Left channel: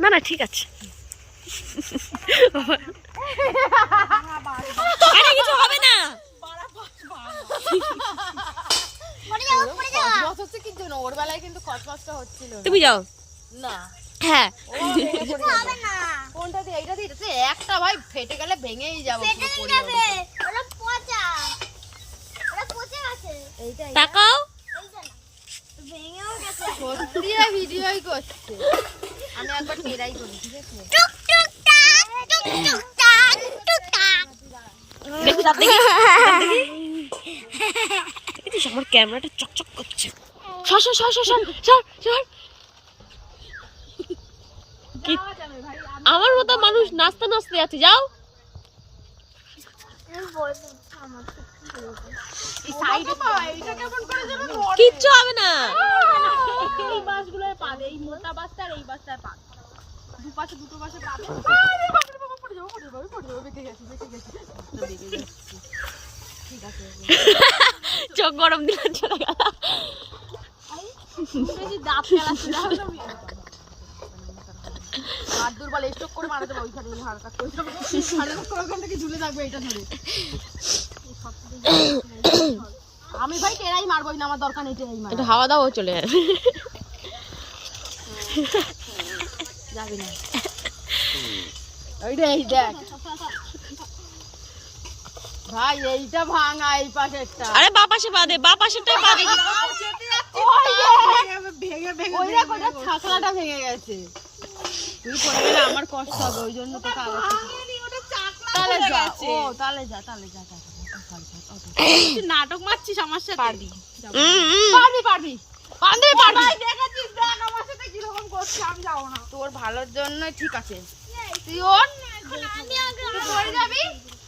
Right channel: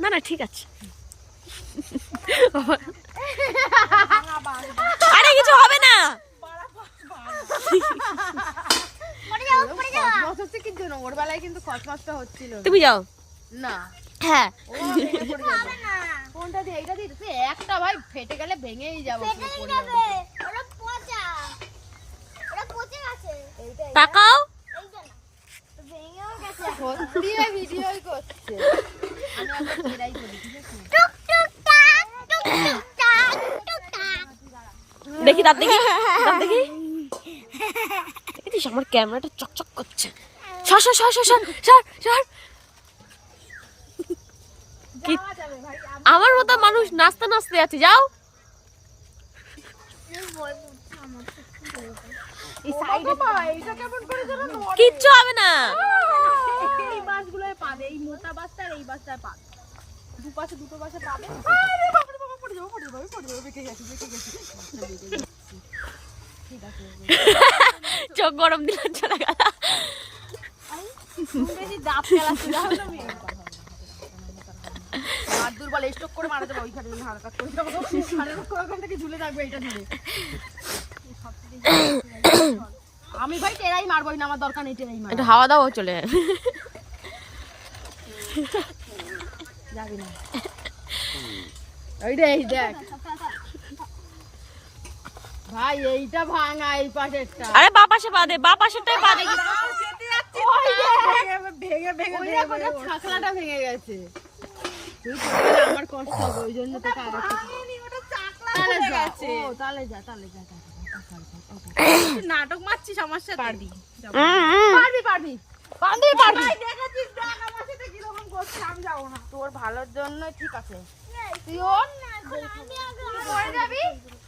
না না ঠিক আছে। আরে কিছু হবে না। তুমি যাও না। হ্যাঁ কোনটা দিয়ে? এইটা দিয়ে একটা ভাই ফেটে গেলে ভেঙেই যাবো। তাকাও। ভিডিওই করছে। আমি একবার ট্রাই করি, ঠিক আছে? দেখি দাঁত দেখি, দাঁত দেখি। দেখিস আমার ক্যামেরাটা চকচক করছে। সর সর সর সর সর সর সর। আমার মতো মানুষ নাচতে নাচতে যাচ্ছে, যাও। কিচ্ছু হবে না। এই বাসগুলোর পাবে, এই মোটা বাসটা আর এই বাসটার পাবে, দুপাশে দুটো বাসে পাবে। ঠিক আছে, চোখ গরম দিলাম, চলে গেল। আমি ভাই টেরাই মারবোই না, আমার দরকার নেই টেরাই মার। একটু হাওয়া দাও, চলে যাবি না। ওইটাই দেখ ভাই, এইটা ভাঙা, এই পাশেরটা। আরে বা পাশে পা দে, বা পাশেরটাই পা দে। ছাকলাটা ভেঙে গেছে, তুই পড়ে গেলে আমার কষ্ট হবে, ওই জন্য তোকে নাটক মারছিস আমার সাথে। পারবি পারবি পারবি পারবি পারবি। দেখাচ্ছিস দেখ আমার সাথে কিরকম করছে, আমি যাবো না। তোর ভালোর জন্য ঠিক আছে, তুই ওর তুই যাবি,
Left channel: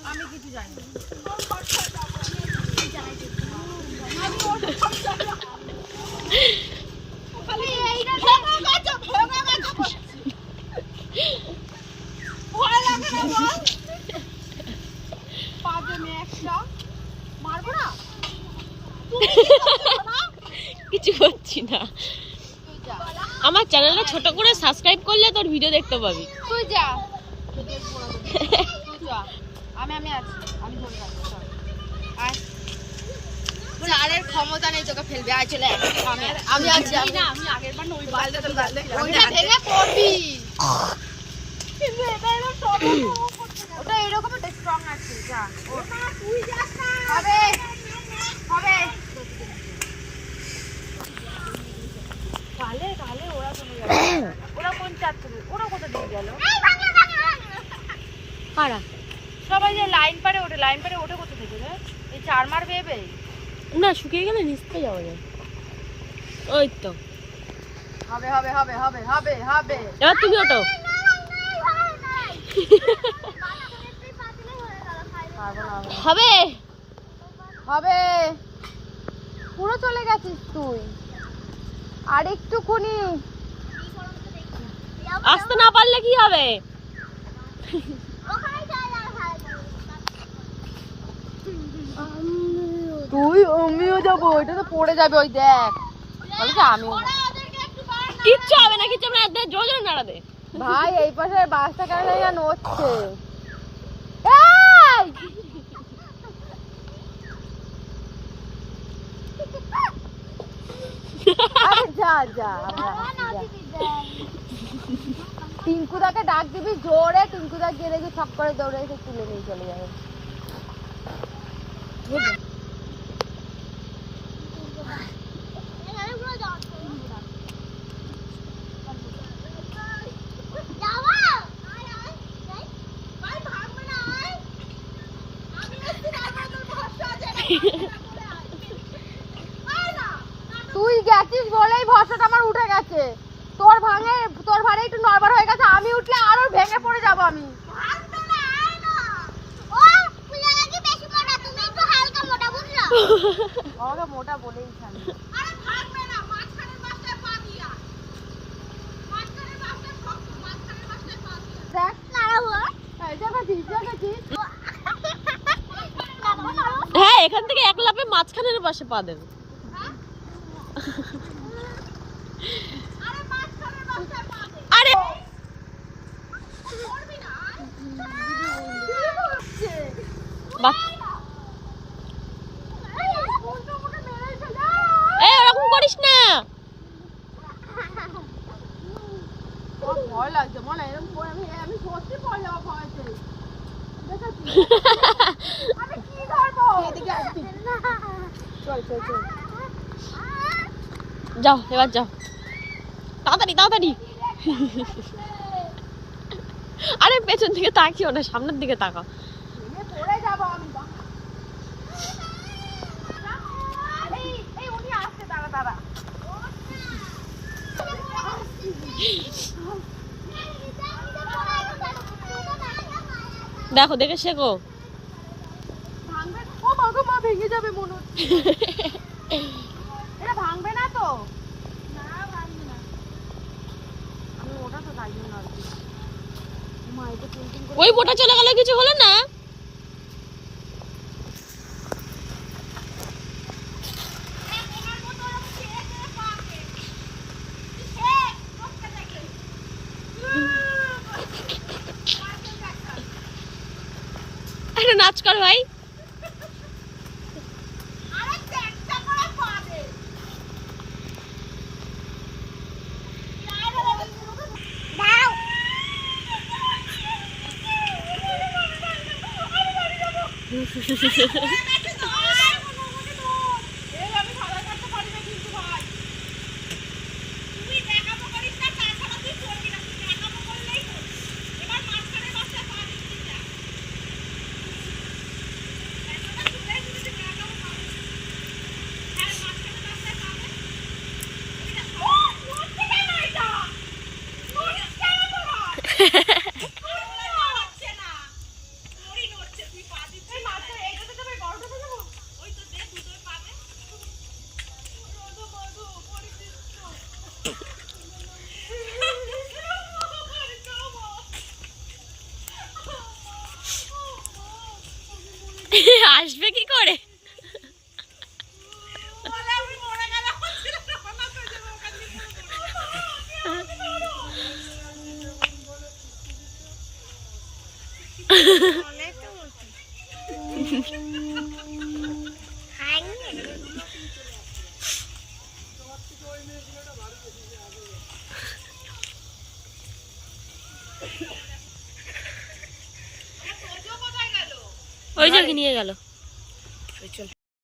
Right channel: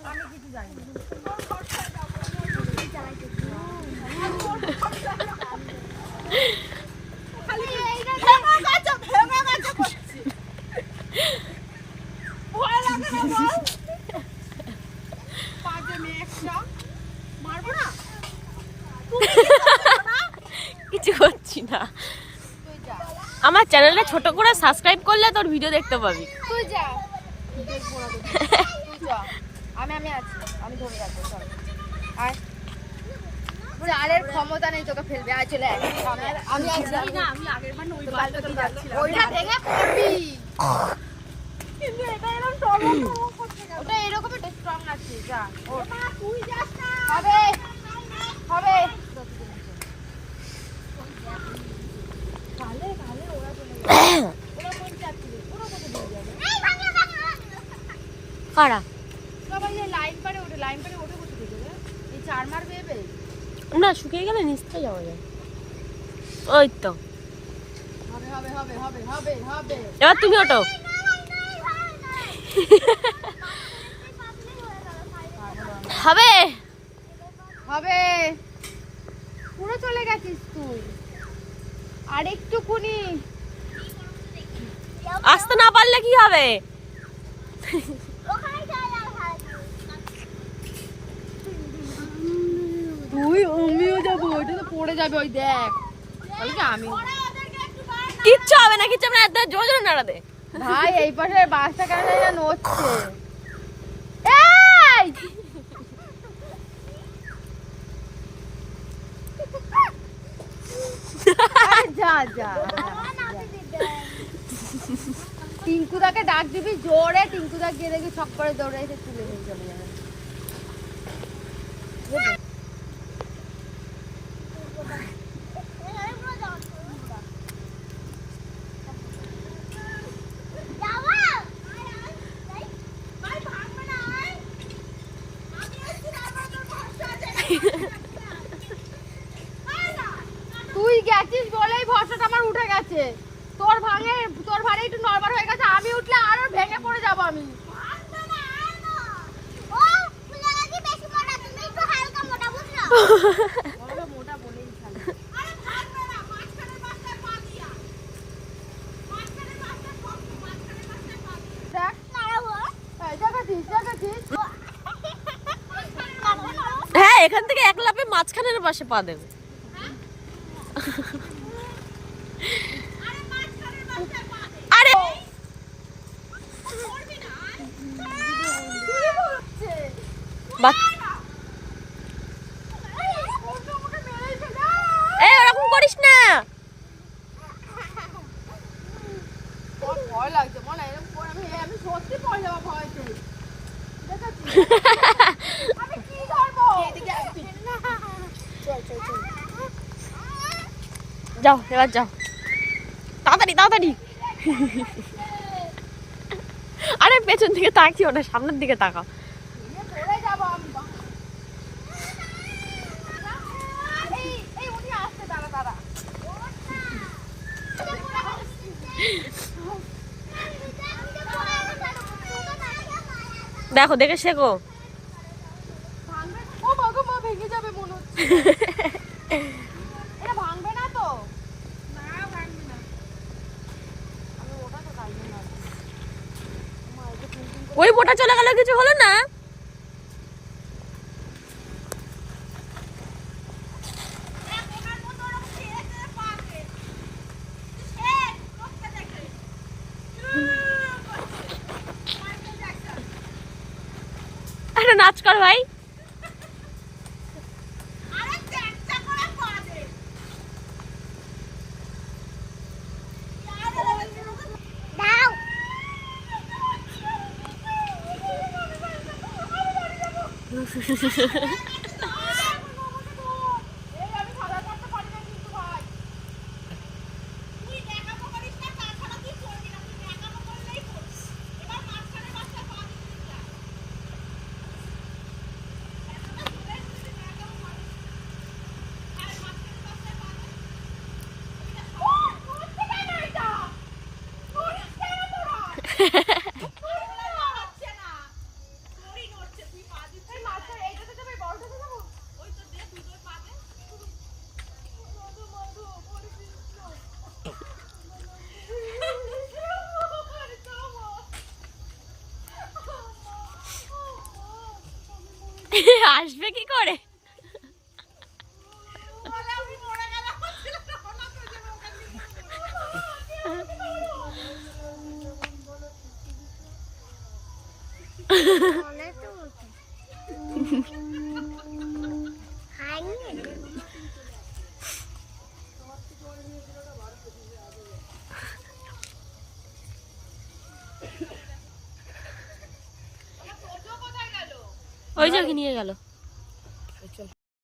আমি কিছু জানি না। তোর বাসায় যাবো আমি, ওর বাসায় যাবো। খালি এইটা ভেঙে গেছে করছি, ভয় লাগে না বল? পাগে মেয়ে একটা মারবো না, কিছু করছি না। আমার চ্যানেলটা ছোট করে সাবস্ক্রাইব করলে তোর ভিডিও দেখতে পাবি। তুই যা, আমি আছি, আমি ধরে রাখবো। চারের ক্ষমতা নেই তোকে ফেলবে, আয় চলে আমি আছি না। আমি আগের বার ওই ওইটা ভেঙে পড়বি, কিন্তু এটা এরকম ওটা এরকম একটা স্ট্রং আছে। যা তুই যাস না, হবে হবে। তাহলে তাহলে ওরা চলে গেল, ওরা কোন চার থেকে, ওরা কোথা দিয়ে গেল? কারা? সবাই যে লাইন পারে ওঠে, লাইন পারে ওঠে কোথা থেকে? এই চার মার বেবে না, শুকিয়ে গেলে নিচে যাওয়া যায়। ওই তো হবে হবে হবে হবে হবে হবে। এবার তুমি ওঠো। হবে হবে, পুরো চলে গেছিস তুই। আর একটুকুনি আসতে না পারলে কি হবে? তুই আমিও যাবো, ওইটা তো পড়ে যাবে। ওই দেখ বলে কি আমিও কিচ্ছু হবে না, কিচ্ছু হবে না, একদম জোরে জোরে নাড়া দে। ভাই এই পাশে বাসটা কেন নড়ছে? এই যা যা, টিঙ্কুদাকে ডাক দিবি জোরে, টিঙ্কুদা গিয়ে দেখি সব করে দৌড়ে এসে তুলে নিয়ে চলে যাবে। তুই গেছিস বলেই ভরসাটা আমার উঠে গেছে। তোর ভারে একটু নরমাল হয়ে গেছে, আমি উঠলে আরো ভেঙে পড়ে যাবো আমি। আমাকে মোটা বলেই খালি। হ্যাঁ, এখান থেকে এক লাফে মাঝখানের পাশে পা দেবে। আরে ওরকম করিস না। ভয় লাগছে মনে হয় আমি সত্যি পড়ে যাবো ভয়তে। আমি কি ধরবো? চল চল চল যাও এবার যাও, তাড়াতাড়ি তাড়াতাড়ি। আরে পেছন দিকে তাকিও না, সামনের দিকে তাকাও। পড়ে যাবো আমি। এই উনি আসছে, দাঁড়া দাঁড়া। দেখো দেখে শেখো। ভাঙবে? ও বাবা, মা ভেঙে যাবে মনে হচ্ছে। এটা ভাঙবে না তো? না ভাঙবে না। আমি ওটা তো পাইনি না। মা এটা টিং করে ওই বোটা চলে গেল, কিছু হলো না। ওনার মতো ওরকম ছেড়ে ছেড়ে পাকে। শেখ করতে দেখে। Michael Jackson. একটা নাচ কর ভাই। আরে চ্যাকচা করে পাবে। দাও। এই আমি সাঁতার কাটতে পারি না কিন্তু ভাই। তুই দেখাবো করিস না, তাছাড়া তুই করবি না। তুই দেখাবো করলেই করবি। এবার মাঝখানে বাচ্চা পা দিচ্ছি যা। এতটা চলে এসেছি যে দেখাবো পাবি। আর মাঝখানে বাচ্চা পাবে। ওইটা ও নড়ছে কেন এটা? নড়িস কেন তোরা? নড়ছে না। তোরই নড়ছে, তুই পা দিচ্ছিস। এই মাঝখানে এইটাতে যাবে, বড়টাতে যাবো? ওই তো দে দুটোই পাবে। রোদো মধু পরিচিত তো। আসবে কি করে? ওই যে নিয়ে গেল।